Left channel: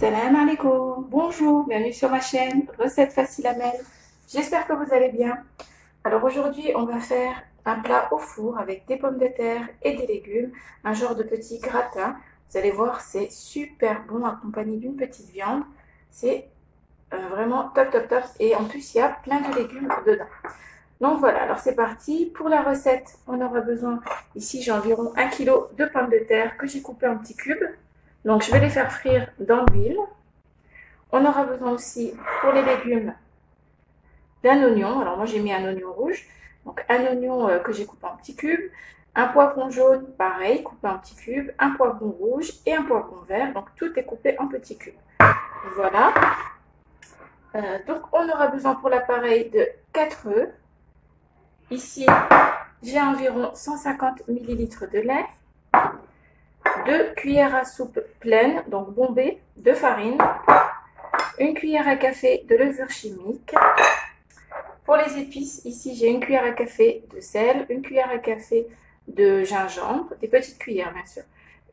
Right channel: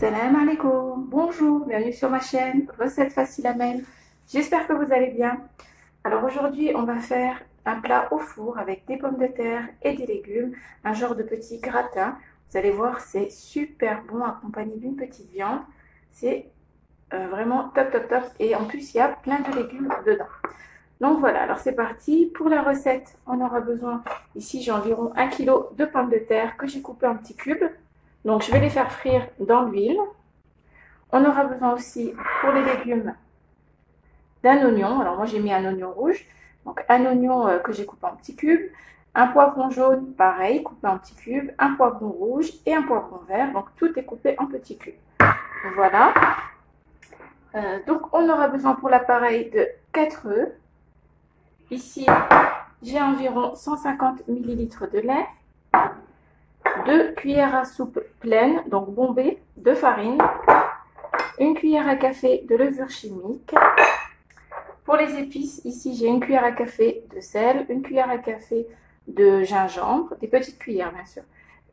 Salam alaikum, bonjour, bienvenue sur ma chaîne Recettes Faciles Amel. J'espère que vous allez bien. Alors aujourd'hui on va faire un plat au four avec des pommes de terre et des légumes, un genre de petit gratin. Vous allez voir, c'est super bon accompagné d'une petite viande. C'est vraiment top top top et en plus il y a plein de légumes dedans. Donc voilà, alors c'est parti. Pour la recette, on aura besoin, ici j'ai environ 1 kg de pommes de terre que j'ai coupées en petits cubes. Donc je vais les faire frire dans l'huile. On aura besoin aussi pour les légumes d'un oignon. Alors moi j'ai mis un oignon rouge. Donc un oignon que j'ai coupé en petits cubes. Un poivron jaune, pareil, coupé en petits cubes. Un poivron rouge et un poivron vert. Donc tout est coupé en petits cubes. Voilà. Donc on aura besoin pour l'appareil de 4 œufs. Ici j'ai environ 150 ml de lait. 2 cuillères à soupe pleines, donc bombées, de farine, 1 cuillère à café de levure chimique. Pour les épices, ici j'ai 1 cuillère à café de sel, 1 cuillère à café de gingembre, des petites cuillères bien sûr,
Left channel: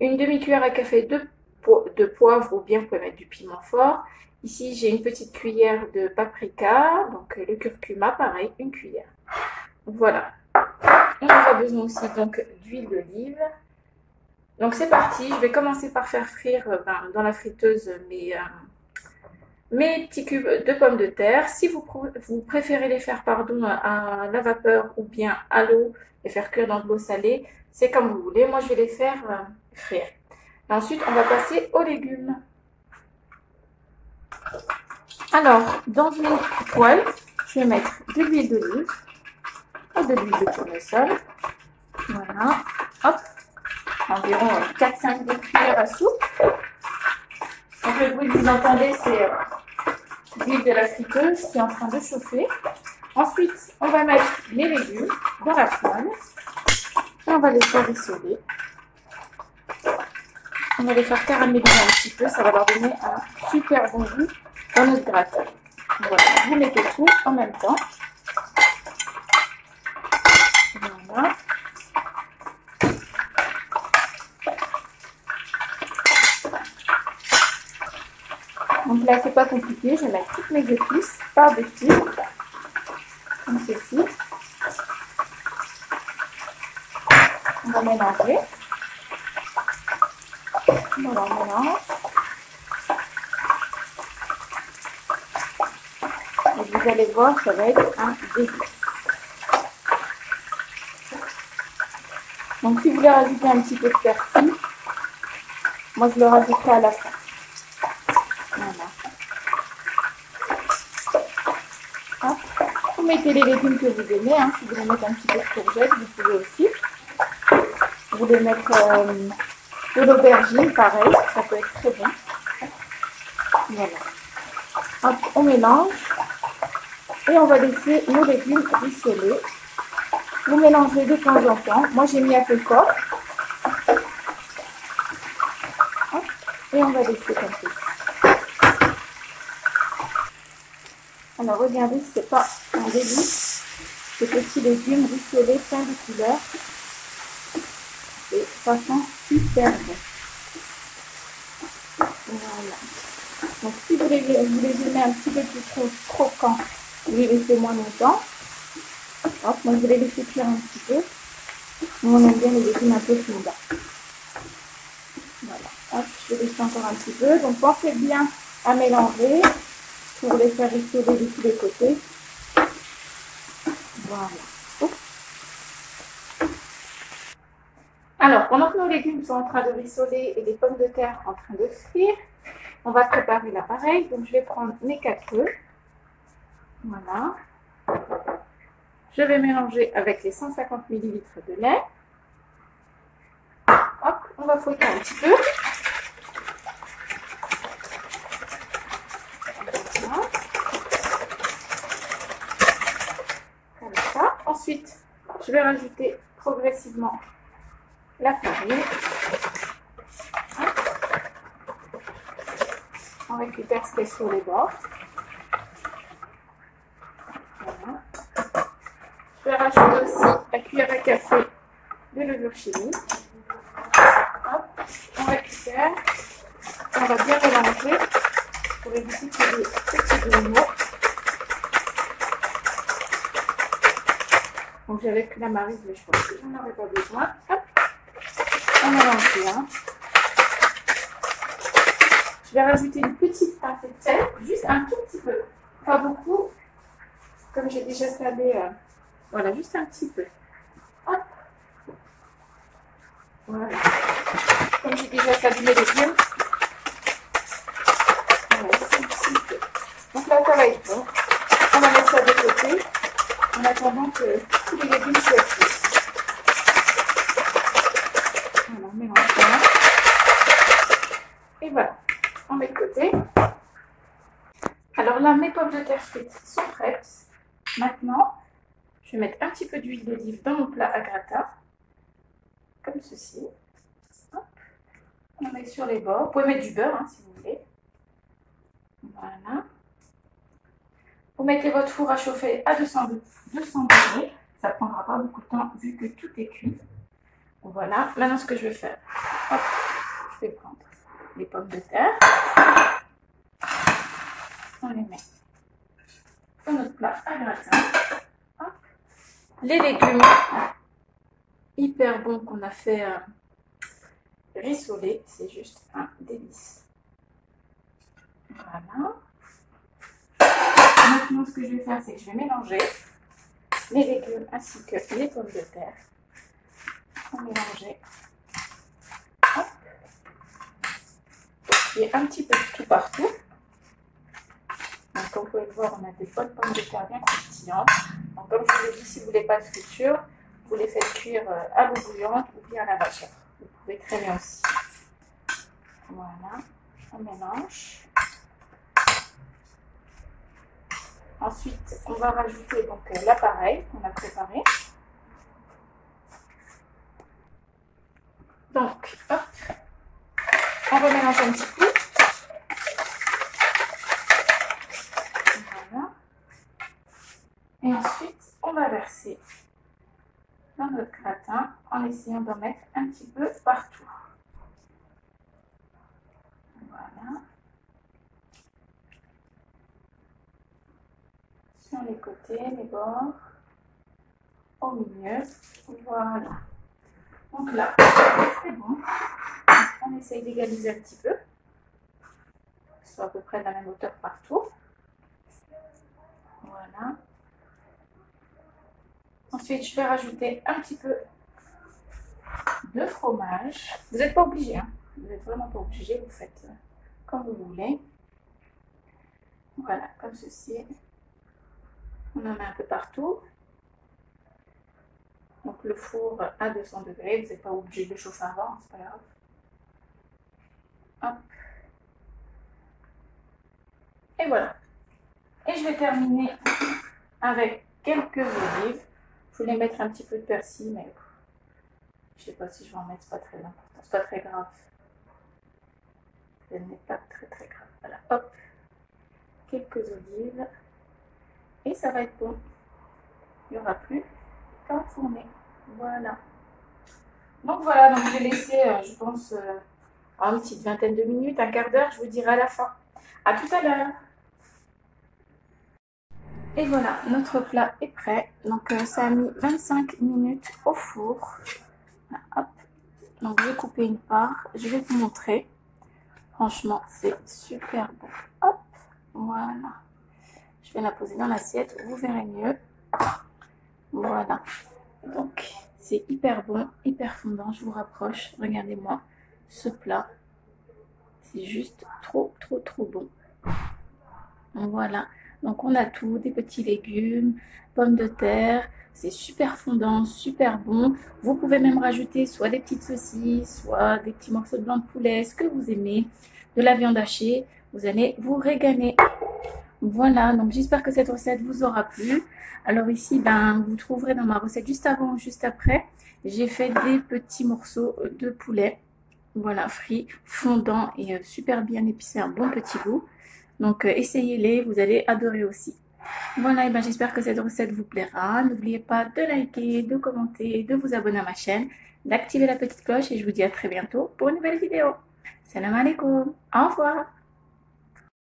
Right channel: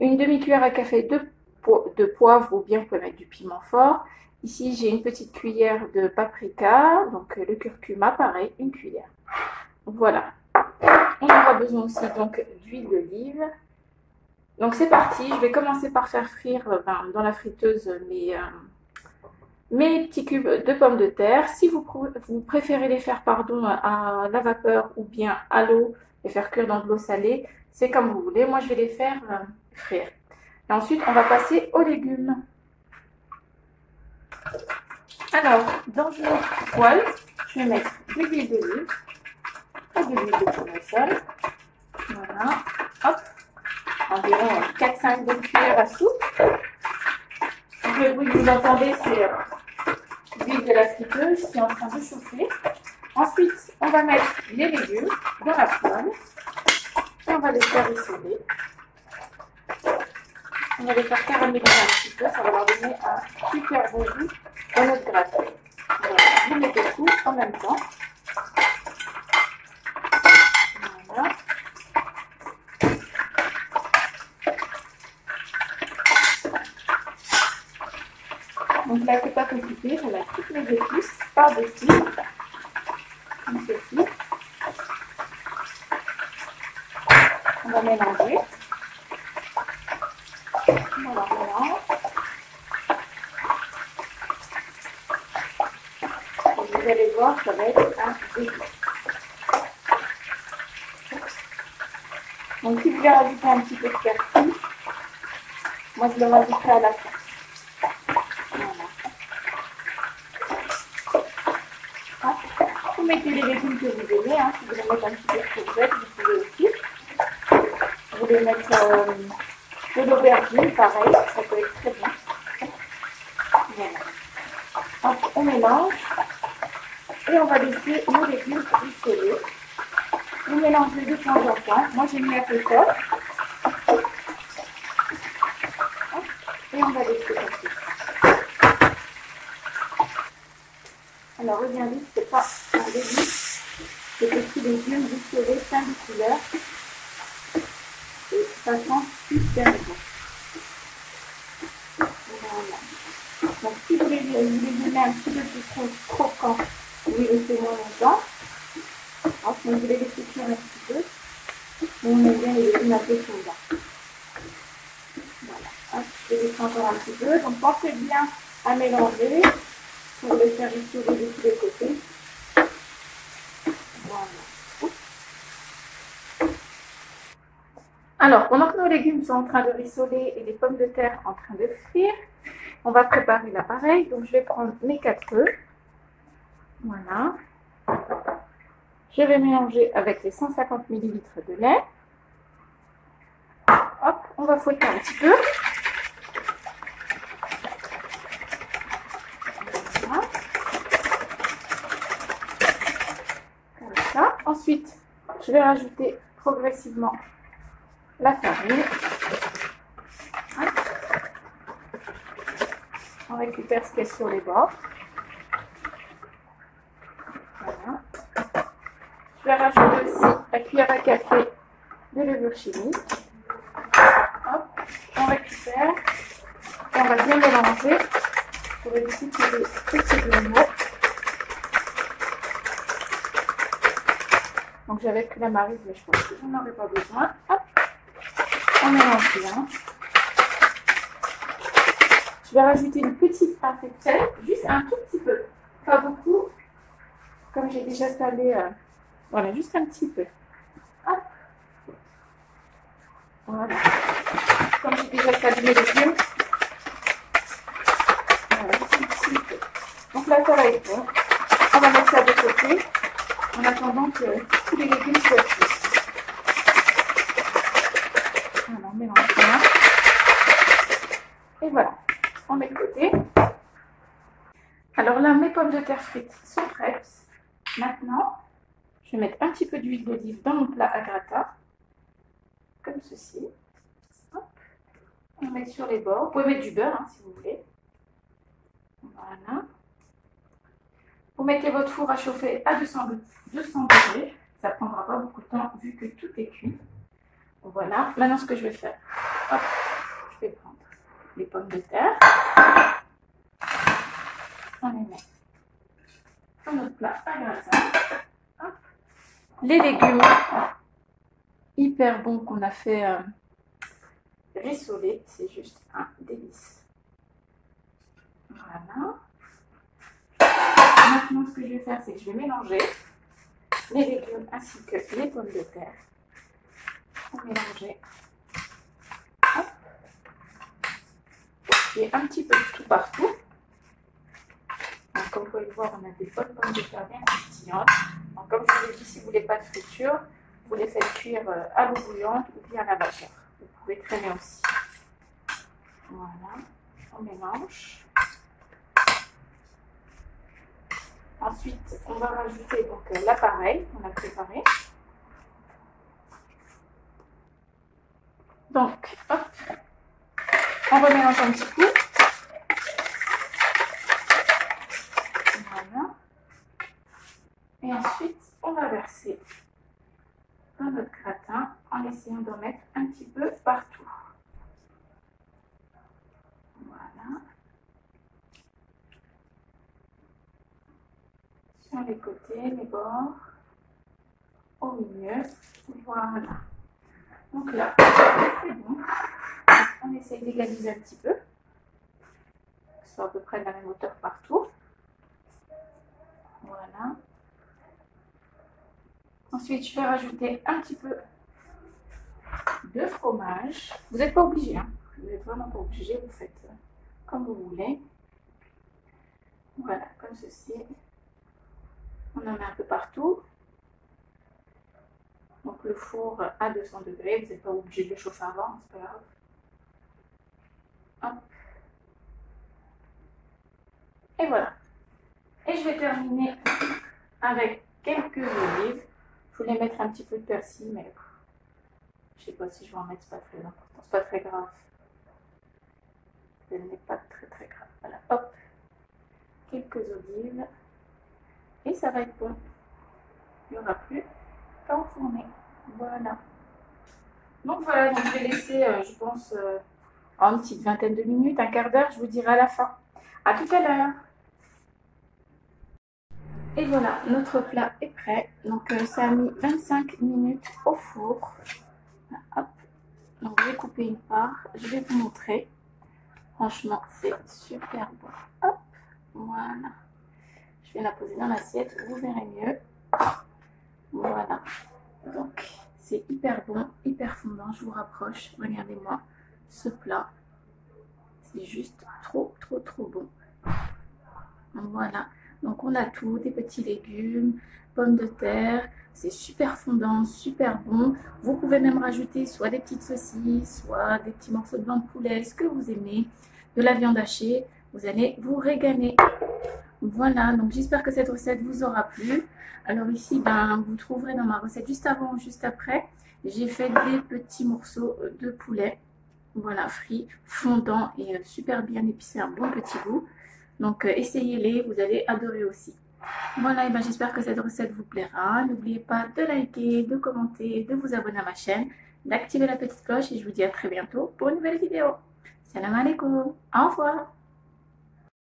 une demi-cuillère à café de poivre ou bien vous pouvez mettre du piment fort. Ici j'ai une petite cuillère de paprika, donc le curcuma pareil, 1 cuillère. Voilà. On aura besoin aussi donc d'huile d'olive. Donc c'est parti, je vais commencer par faire frire dans la friteuse mes petits cubes de pommes de terre. Si vous préférez les faire à la vapeur ou bien à l'eau, les faire cuire dans de l'eau salée, c'est comme vous voulez. Moi je vais les faire frire. Et ensuite on va passer aux légumes. Alors dans une poêle, je vais mettre de l'huile d'olive et de l'huile de tournesol. Voilà, hop. Environ 4-5 bonnes cuillères à soupe. Donc, le bruit que vous entendez, c'est l'huile de la friteuse qui est en train de chauffer. Ensuite, on va mettre les légumes dans la poêle et on va les faire rissoler. On va les faire caraméliser un petit peu, ça va leur donner un super bon goût dans notre gratin. Voilà, vous mettez tout en même temps. Voilà. Donc là, c'est pas compliqué, je vais mettre toutes mes épices par-dessus, comme ceci. On va mélanger. Voilà, on mélange. Et vous allez voir, ça va être un délice. Donc si vous voulez rajouter un petit peu de persil, moi je le rajouterai à la fin. Vous mettez les légumes que vous aimez, hein. Si vous voulez mettre un petit peu de courgette, vous pouvez aussi. Vous voulez mettre de l'aubergine, pareil, ça peut être très bon. Voilà. Hop, on mélange et on va laisser nos légumes rissoler. Vous mélangez de temps en temps. Moi j'ai mis un peu fort. Et on va laisser comme ça. Alors regardez, c'est pas un délice, ces petits légumes rissolés, plein de couleurs. Et ça sent super bon. Voilà. Donc si vous les aimez un petit peu plus croquants, vous les laissez moins longtemps. Donc vous les laissez cuire un petit peu. Nous on aime bien les légumes un peu fondants. Voilà. Hop, je vais laisser encore un petit peu. Donc pensez bien à mélanger pour les faire rissoler de tous les côtés. Voilà. Alors, pendant que nos légumes sont en train de rissoler et les pommes de terre en train de frire, on va préparer l'appareil. Donc, je vais prendre mes 4 œufs. Voilà. Je vais mélanger avec les 150 ml de lait. Hop, on va fouetter un petit peu. Voilà. Comme ça. Ensuite, je vais rajouter progressivement la farine. On récupère ce qui est sur les bords. Voilà. Je vais rajouter aussi la cuillère à café de levure chimique. Hop, on récupère. Et on va bien mélanger pour éviter qu'il y ait des petits grumeaux. Donc j'avais pris la marise, mais je pense que j'en aurais pas besoin. Hop, on mélange bien. Je vais rajouter une petite pincée de sel, juste un tout petit peu, pas beaucoup, comme j'ai déjà salé. Voilà, juste un petit peu. Hop. Voilà. Comme j'ai déjà salé mes légumes. Voilà, juste un petit peu. Donc là, ça va être bon. On va mettre ça de côté en attendant que tous les légumes soient cuits. Voilà, on mélange bien. Et voilà, on met de côté. Alors là, mes pommes de terre frites sont prêtes. Maintenant, je vais mettre un petit peu d'huile d'olive dans mon plat à gratin, comme ceci. Hop. On met sur les bords. Vous pouvez mettre du beurre hein, si vous voulez. Voilà. Vous mettez votre four à chauffer à 200 degrés. Ça ne prendra pas beaucoup de temps vu que tout est cuit. Voilà. Maintenant, ce que je vais faire, hop, je vais prendre les pommes de terre. On les met dans notre plat à gratin. Hop. Les légumes hyper bons qu'on a fait rissoler, c'est juste un délice. Voilà. Maintenant, ce que je vais faire, c'est que je vais mélanger les légumes ainsi que les pommes de terre. On mélanger. Hop. Il y a un petit peu de tout partout. Donc, comme vous pouvez le voir, on a des bonnes pommes de terre bien croustillantes. Donc, comme je vous l'ai dit, si vous ne voulez pas de friture, vous les faites cuire à l'eau bouillante ou bien à la vapeur. Vous pouvez traîner aussi. Voilà, on mélange. Ensuite, on va rajouter donc l'appareil qu'on a préparé. Donc, hop, on remélange un petit peu. Voilà. Et ensuite, on va verser dans notre gratin en essayant d'en mettre un petit peu partout. Voilà. Sur les côtés, les bords, au milieu. Voilà. Donc là, c'est bon. On essaye d'égaliser un petit peu. Soit à peu près de la même hauteur partout. Voilà. Ensuite, je vais rajouter un petit peu de fromage. Vous n'êtes pas obligé, hein. Vous n'êtes vraiment pas obligé. Vous faites comme vous voulez. Voilà, comme ceci. On en met un peu partout. Donc le four à 200 degrés. Vous n'êtes pas obligé de le chauffer avant, c'est pas grave. Hop. Et voilà. Et je vais terminer avec quelques olives. Je voulais mettre un petit peu de persil, mais je sais pas si je vais en mettre, c'est pas très important, c'est pas très grave. Ce n'est pas très grave. Voilà, hop, quelques olives. Et ça va être bon. Il n'y aura plus qu'à enfourner. Voilà. Donc voilà, donc je vais laisser, je pense, une petite vingtaine de minutes, un quart d'heure, je vous dirai à la fin. À tout à l'heure. Et voilà, notre plat est prêt. Donc ça a mis 25 minutes au four. Voilà, hop. Donc j'ai coupé une part. Je vais vous montrer. Franchement, c'est super bon. Hop, voilà. Je vais la poser dans l'assiette. Vous verrez mieux. Voilà. Donc c'est hyper bon, hyper fondant. Je vous rapproche. Regardez-moi ce plat. C'est juste trop bon. Voilà. Donc on a tout, des petits légumes, pommes de terre, c'est super fondant, super bon. Vous pouvez même rajouter soit des petites saucisses, soit des petits morceaux de blanc de poulet, ce que vous aimez, de la viande hachée, vous allez vous régaler. Voilà, donc j'espère que cette recette vous aura plu. Alors ici, vous trouverez dans ma recette juste avant ou juste après, j'ai fait des petits morceaux de poulet, voilà, frits, fondants et super bien épicés, un bon petit goût. Donc essayez-les, vous allez adorer aussi. Voilà, et j'espère que cette recette vous plaira. N'oubliez pas de liker, de commenter, de vous abonner à ma chaîne, d'activer la petite cloche et je vous dis à très bientôt pour une nouvelle vidéo. Salam alaikum. Au revoir.